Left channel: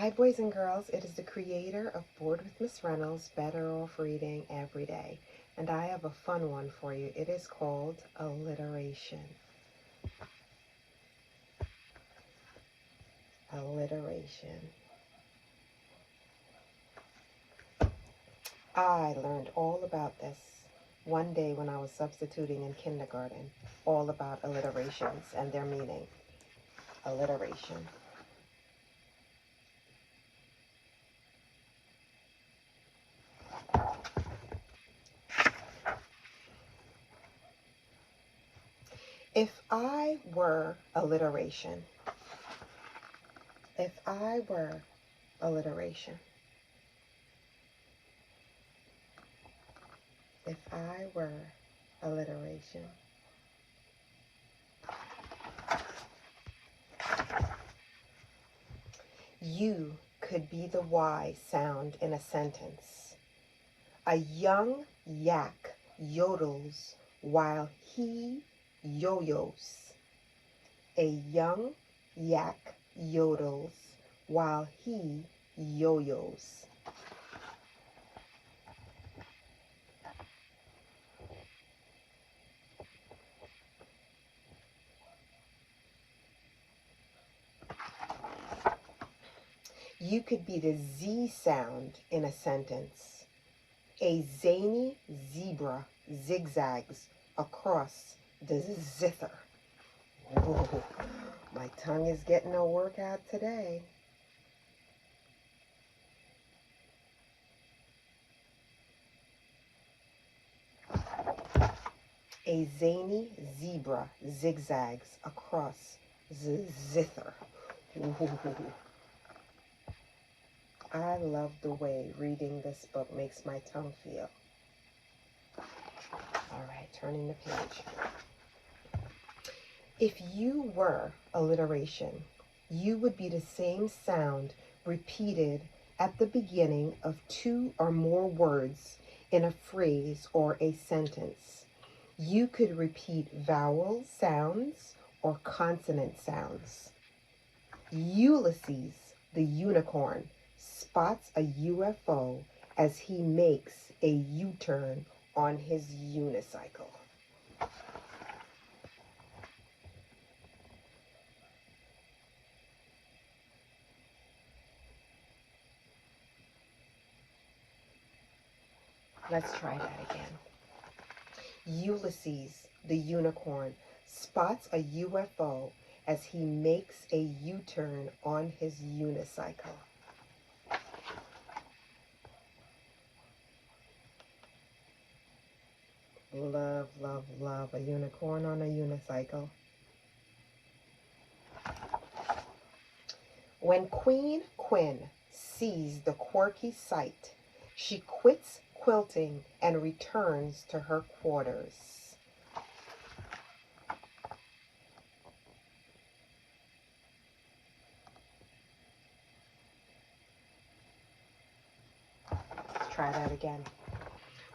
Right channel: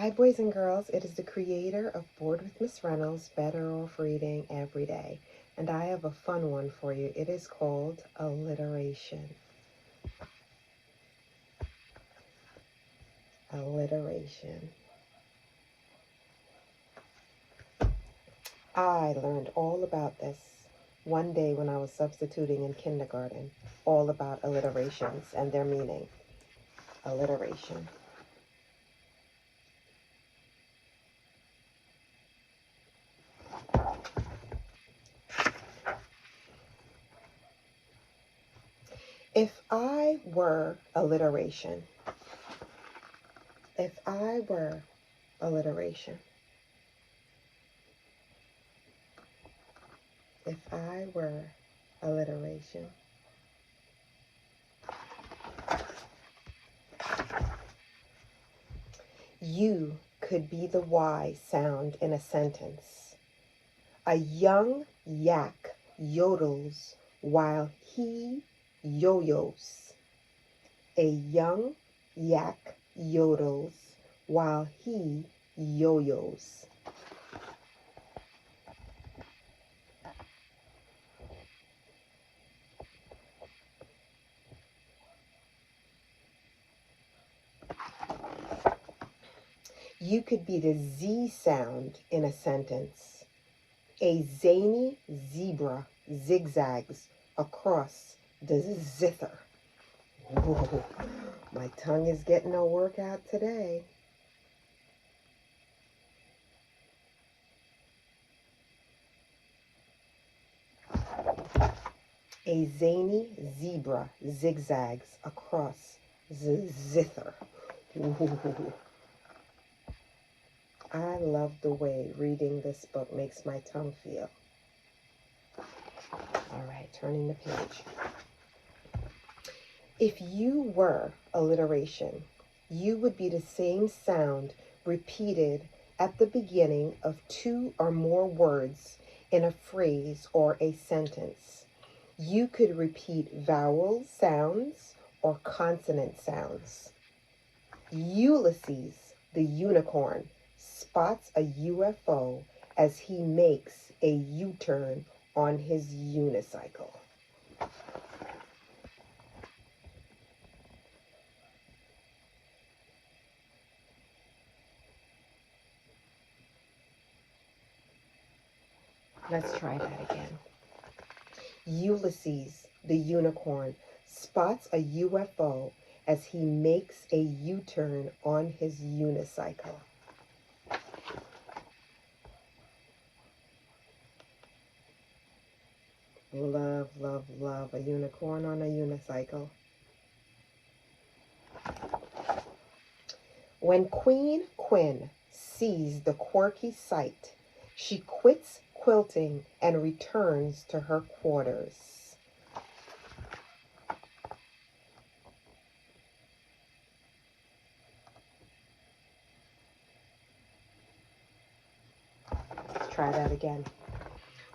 Hi, boys and girls. It is the creator of Bored with Miss Reynolds, Better Off Reading Every Day. And I have a fun one for you. It is called Alliteration. Alliteration. I learned all about this one day when I was substituting in kindergarten. All about alliterations and their meaning. Alliteration. If I were alliteration, if I were alliteration, if I were alliteration, you could be the Y sound in a sentence. A young yak yodels while he yo-yos. A young yak yodels while he yo-yos. You could be the Z sound in a sentence. A zany zebra zigzags across the zither. Ooh, my tongue is getting a workout today. A zany zebra zigzags across the zither. Ooh. I love the way reading this book makes my tongue feel. All right, turning the page. If you were alliteration, you would be the same sound repeated at the beginning of two or more words in a phrase or a sentence. You could repeat vowel sounds or consonant sounds. Ulysses, the unicorn, spots a UFO as he makes a U-turn on his unicycle. Let's try that again. Ulysses, the unicorn, spots a UFO as he makes a U-turn on his unicycle. Love, love, love a unicorn on a unicycle. When Queen Quinn sees the quirky sight, she quits quilting and returns to her quarters. Let's try that again.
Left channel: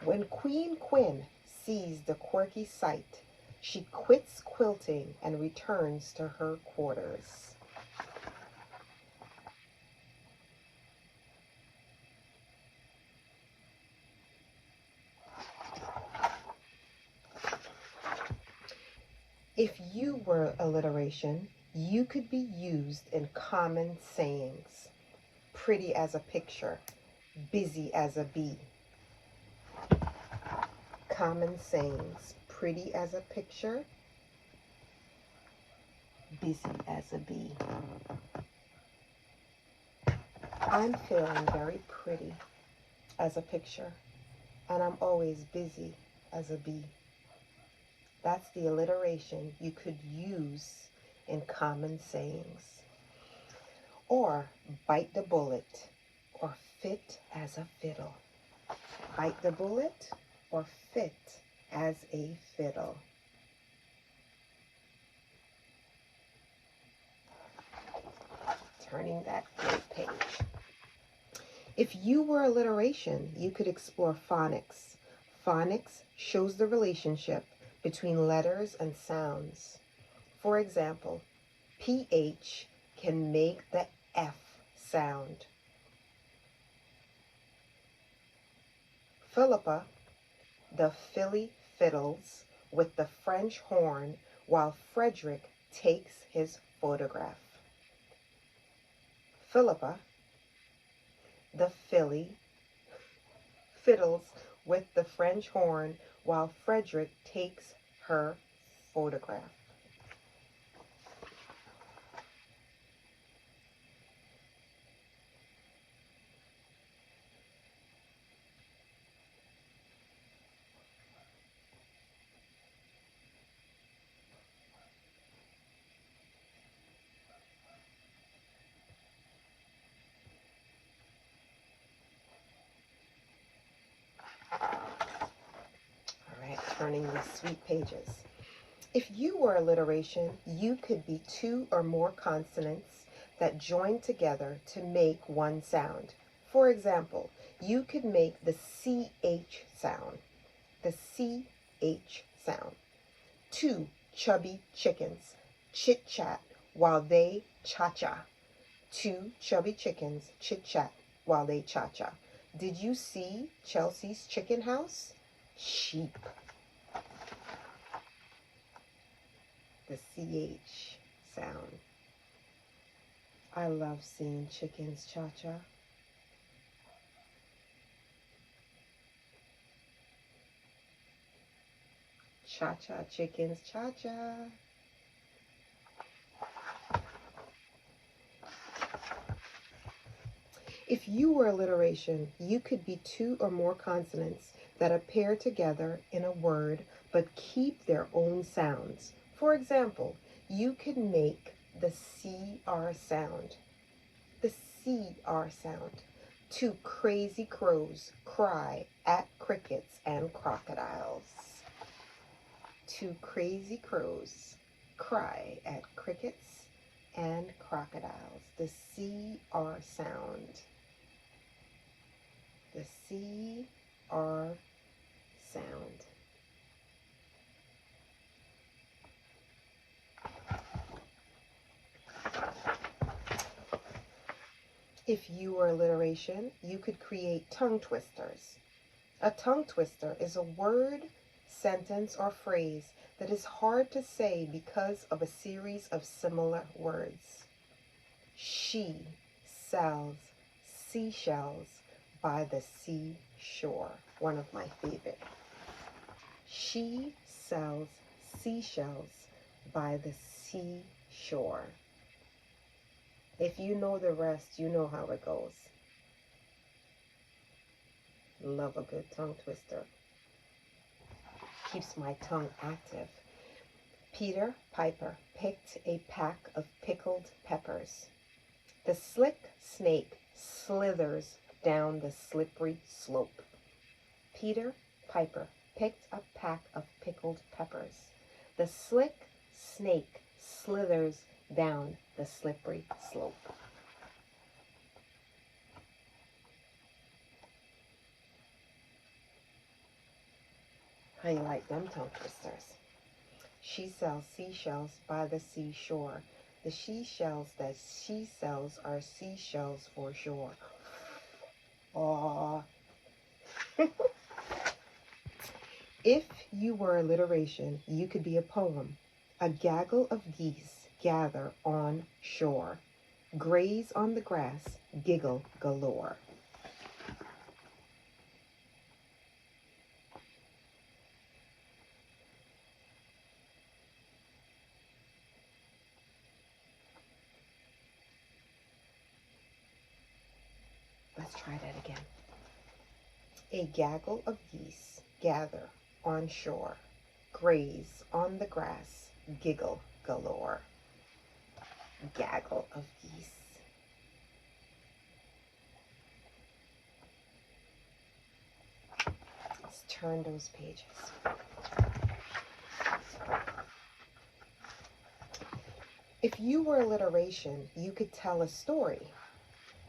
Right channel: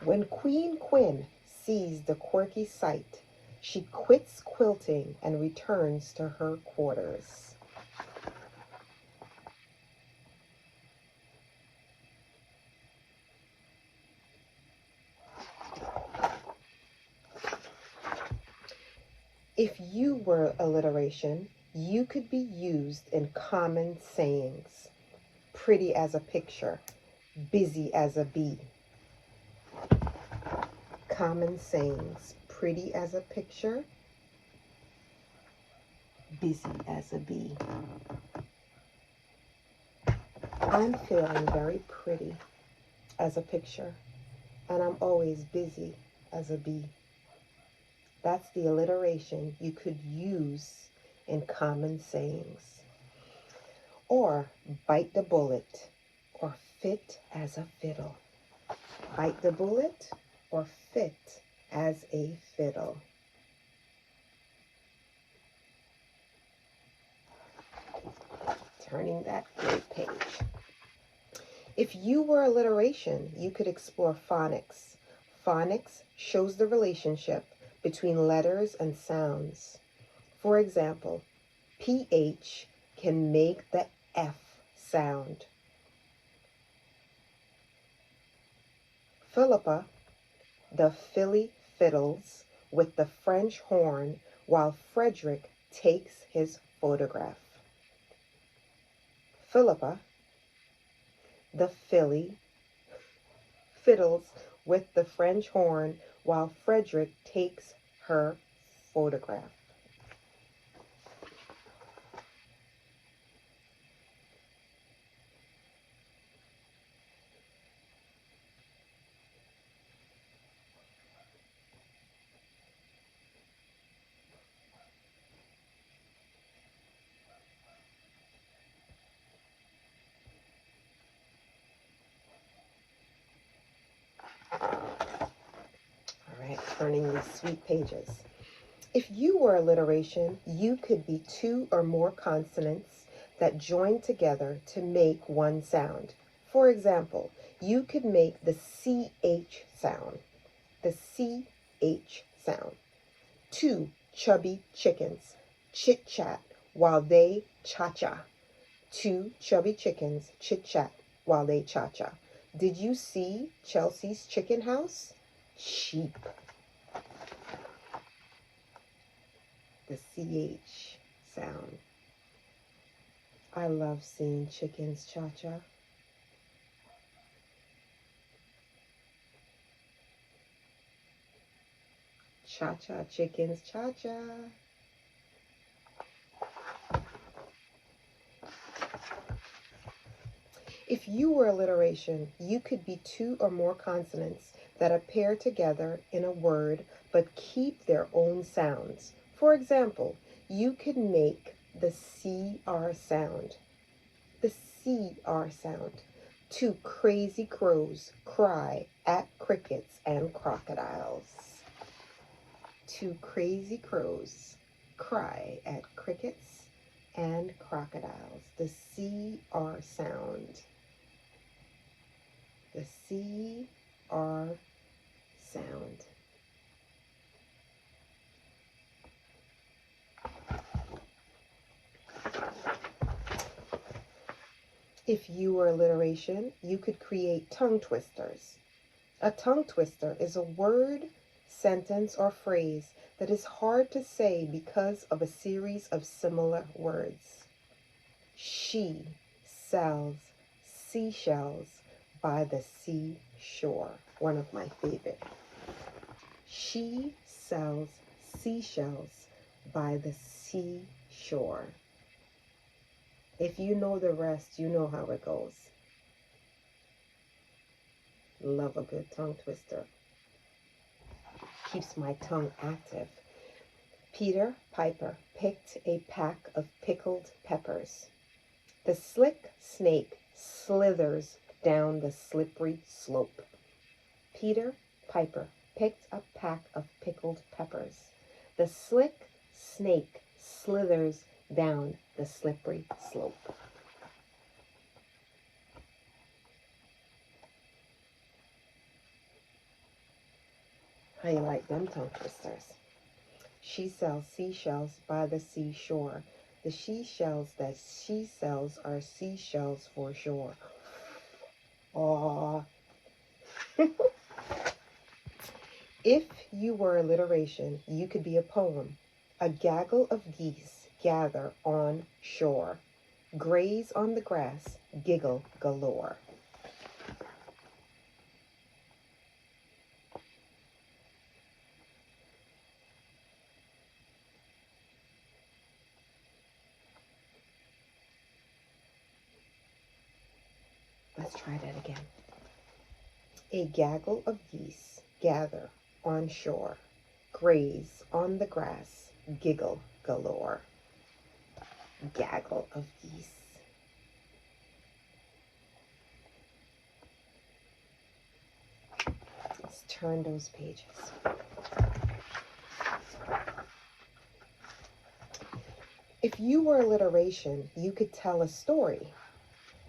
When Queen Quinn sees the quirky sight, she quits quilting and returns to her quarters. If you were alliteration, you could be used in common sayings. Pretty as a picture, busy as a bee. Common sayings. Pretty as a picture, busy as a bee. I'm feeling very pretty as a picture, and I'm always busy as a bee. That's the alliteration you could use in common sayings. Or bite the bullet, or fit as a fiddle. Bite the bullet, or fit as a fiddle. Turning that page. If you were alliteration, you could explore phonics. Phonics shows the relationship between letters and sounds. For example, PH can make the F sound. Philippa, the filly fiddles with the French horn while Frederick takes his photograph. Philippa, the filly fiddles with the French horn while Frederick takes her photograph. All right, turning these sweet pages. If you were alliteration, you could be two or more consonants that join together to make one sound. For example, you could make the CH sound, the CH sound. Two chubby chickens chit-chat while they cha-cha. Two chubby chickens chit-chat while they cha-cha. Did you see Chelsea's chicken house? Sheep. The CH sound. I love seeing chickens cha-cha. Cha-cha chickens cha-cha. If you were alliteration, you could be two or more consonants that appear together in a word but keep their own sounds. For example, you could make the CR sound. The CR sound. Two crazy crows cry at crickets and crocodiles. Two crazy crows cry at crickets and crocodiles. The CR sound. The CR sound. If you were alliteration, you could create tongue twisters. A tongue twister is a word, sentence, or phrase that is hard to say because of a series of similar words. She sells seashells by the seashore. One of my favorite. She sells seashells by the seashore. If you know the rest, you know how it goes. Love a good tongue twister. Keeps my tongue active. Peter Piper picked a pack of pickled peppers. The slick snake slithers down the slippery slope. Peter Piper picked a pack of pickled peppers. The slick snake slithers down the slippery slope. How you like them tongue twisters? She sells seashells by the seashore. The seashells that she sells are seashells for sure. Aww. If you were alliteration, you could be a poem. A gaggle of geese gather on shore, graze on the grass, giggle galore. Let's try that again. A gaggle of geese gather on shore, graze on the grass, giggle galore. Gaggle of geese. Let's turn those pages. If you were alliteration, you could tell a story.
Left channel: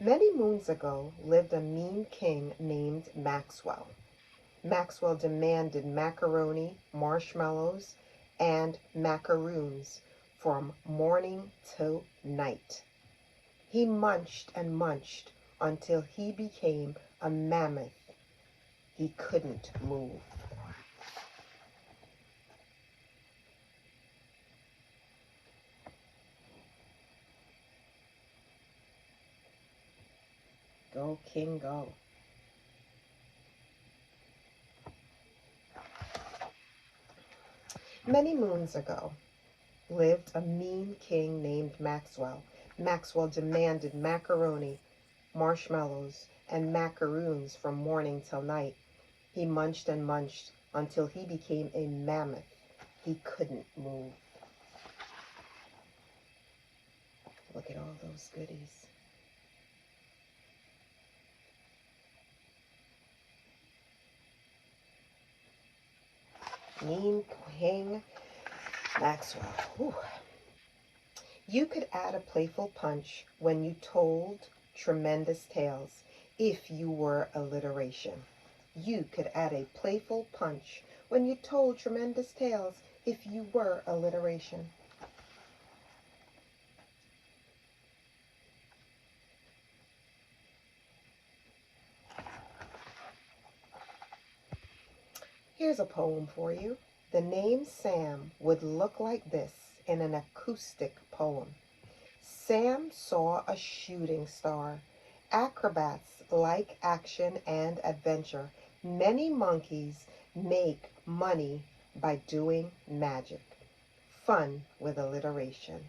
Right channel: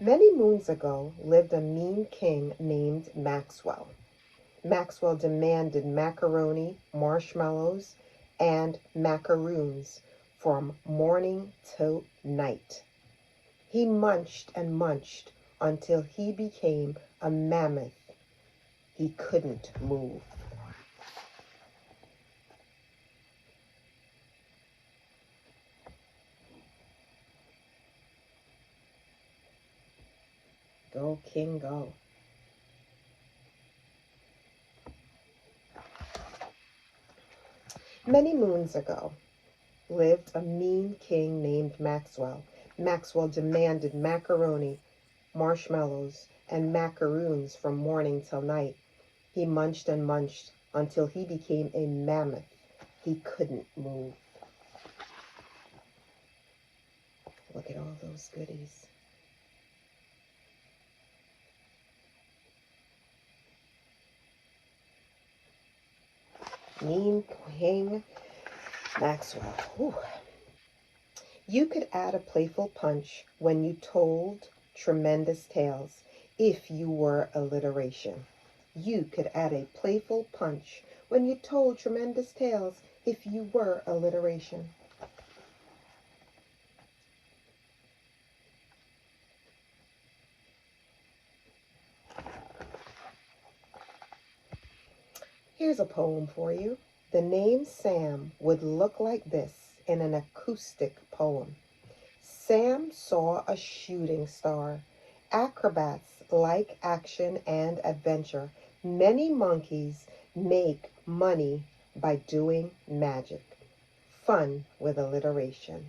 Many moons ago lived a mean king named Maxwell. Maxwell demanded macaroni, marshmallows, and macaroons from morning till night. He munched and munched until he became a mammoth. He couldn't move. Go, king, go. Many moons ago lived a mean king named Maxwell. Maxwell demanded macaroni, marshmallows, and macaroons from morning till night. He munched and munched until he became a mammoth. He couldn't move. Look at all those goodies. Mean King Maxwell. Whew. You could add a playful punch when you told tremendous tales if you were alliteration. You could add a playful punch when you told tremendous tales if you were alliteration. Here's a poem for you. The name Sam would look like this in an acoustic poem. Sam saw a shooting star. Acrobats like action and adventure. Many monkeys make money by doing magic. Fun with alliteration.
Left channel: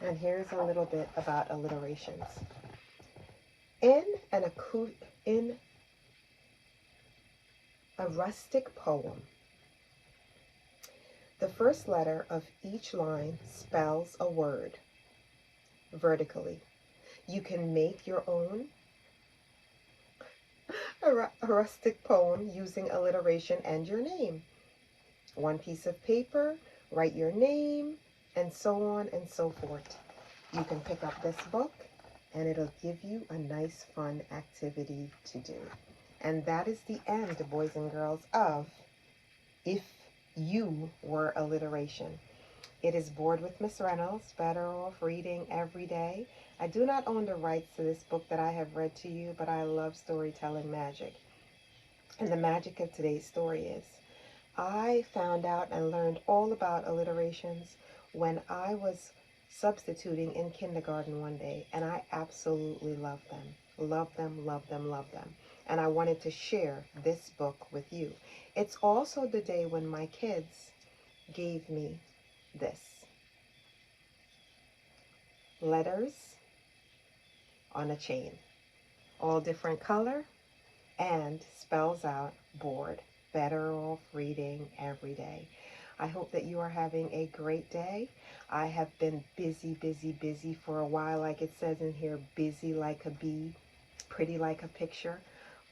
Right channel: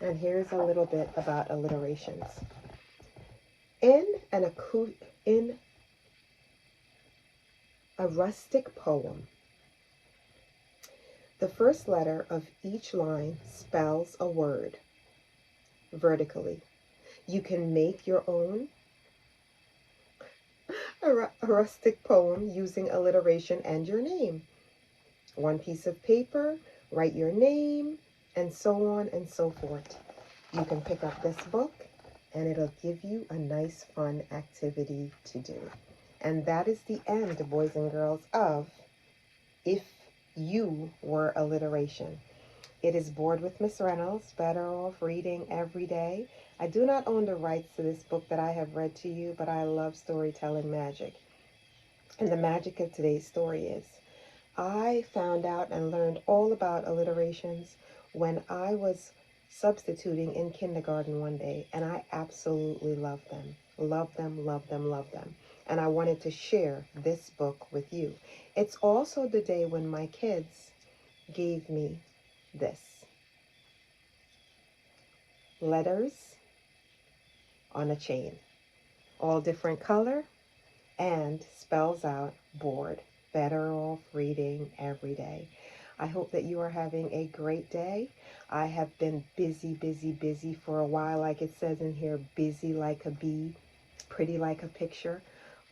And here's a little bit about alliterations. In a rustic poem, the first letter of each line spells a word vertically. You can make your own a rustic poem using alliteration and your name. One piece of paper, write your name, and so on and so forth. You can pick up this book and it'll give you a nice fun activity to do. And that is the end, boys and girls, of If You Were Alliteration. It is B.O.R.E.D with Miss Reynolds, better off reading every day. I do not own the rights to this book that I have read to you, but I love storytelling magic. And the magic of today's story is, I found out and learned all about alliterations when I was substituting in kindergarten one day, and I absolutely love them. Love them, love them, love them. And I wanted to share this book with you. It's also the day when my kids gave me this. Letters on a chain. All different color and spells out B.O.R.E.D. Better off reading every day. I hope that you are having a great day. I have been busy, busy, busy for a while. Like it says in here, busy like a bee, pretty like a picture.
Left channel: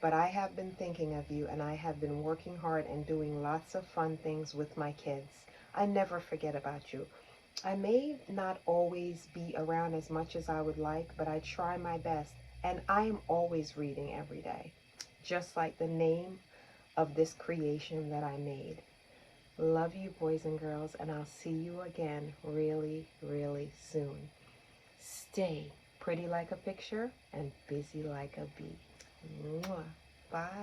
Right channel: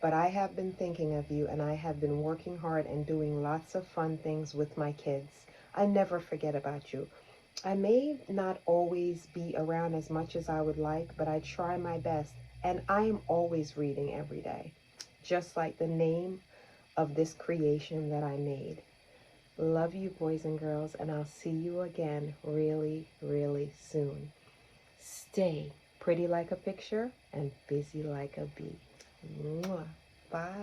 But I have been thinking of you, and I have been working hard and doing lots of fun things with my kids. I never forget about you. I may not always be around as much as I would like, but I try my best. And I am always reading every day, just like the name of this creation that I made. Love you, boys and girls, and I'll see you again really, really soon. Stay pretty like a picture and busy like a bee. Mwah. Bye.